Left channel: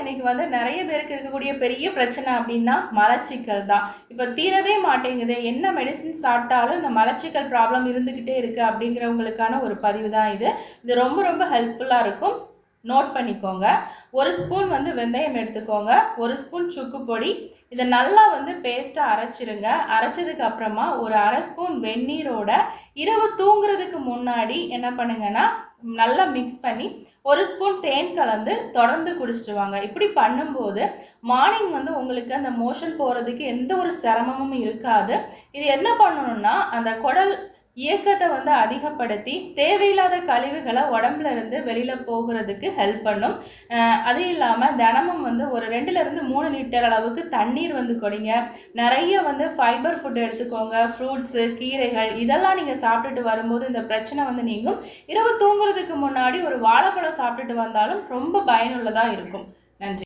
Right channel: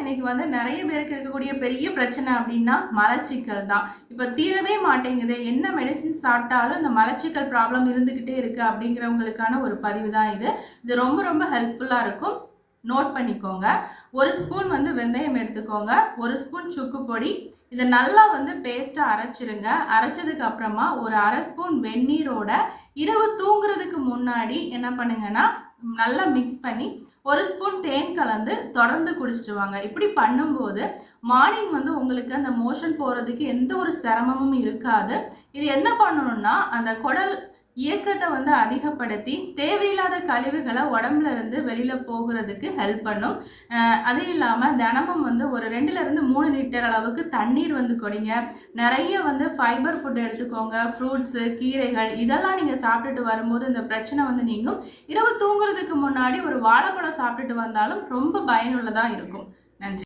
இன்னைக்கு வந்து நிறைய பேருக்கு இருக்கக்கூடிய பெரிய பிரச்சனை அப்படின்னா மலச்சிக்கல் தான். இப்போ தீரவே மாட்டேங்குது, என்ன மெடிசின் சாப்பிட்டாலும் இந்த மலச்சிக்கல் ப்ராப்ளம் இருந்துக்கிட்டே இருக்குது அப்படிங்கிறவங்களுக்கான ஒரு பதிவு தான் இது. இது ரொம்ப ரொம்ப ஹெல்ப்ஃபுல்லாக இருக்கும். நோட் பண்ணிக்கோங்க. ஒரு ஸ்பூன் வந்து வெந்தயம் எடுத்துக்கோங்க, ஒரு ஸ்பூன் சுக்கு பொடி. இதை நல்லா வந்து பேஸ்ட்டாக அரைச்சிருங்க. அரைச்சதுக்கு அப்புறமா ஒரு அரை ஸ்பூன் வெந்நீரோட இரவு தூங்குறதுக்கு முன்னாடி என்ன பண்ணுங்கன்னா நல்லா மிக்ஸ் பண்ணி ஒரு ஸ்பூன் தேன் கலந்து தொடர்ந்து குடிச்சிட்டு வாங்க. இப்படி பண்ணும்போது மார்னிங் வந்து உங்களுக்கு அந்த மோஷன் போகிறதுக்கு எந்த ஒரு சிரமமும் இருக்காது. இது என்ன பண்ணணும்னா அந்த குடல் இயக்கத்தை வந்து அதிகப்படுத்தி தேவையில்லாத கழிவுகளை உடம்புல இருந்து வெளியில் போகிறதுக்கு ஹெல்ப் பண்ணும். அது இல்லாமல் தினமும் வந்து ஒரு 2லிருந்து 3 லிட்டர் அளவுக்கு தண்ணீர் வந்து குடிங்க. நிறைய வந்து ஃபைபர் ஃபுட் எடுத்துக்கோங்க. ஃப்ரூட்ஸு, கீரைகள் இதெல்லாம் நீங்கள் சாப்பிட்டுட்டு வரும்போது இந்த பிரச்சனை வந்து நீங்கும். இரவு தூங்குறதுக்கு முன்னாடி ஒரு வாழைப்பழம் சாப்பிட்டுட்டு வந்தாலும் ரொம்ப பயனுள்ளதாக இருக்கும். நன்றி.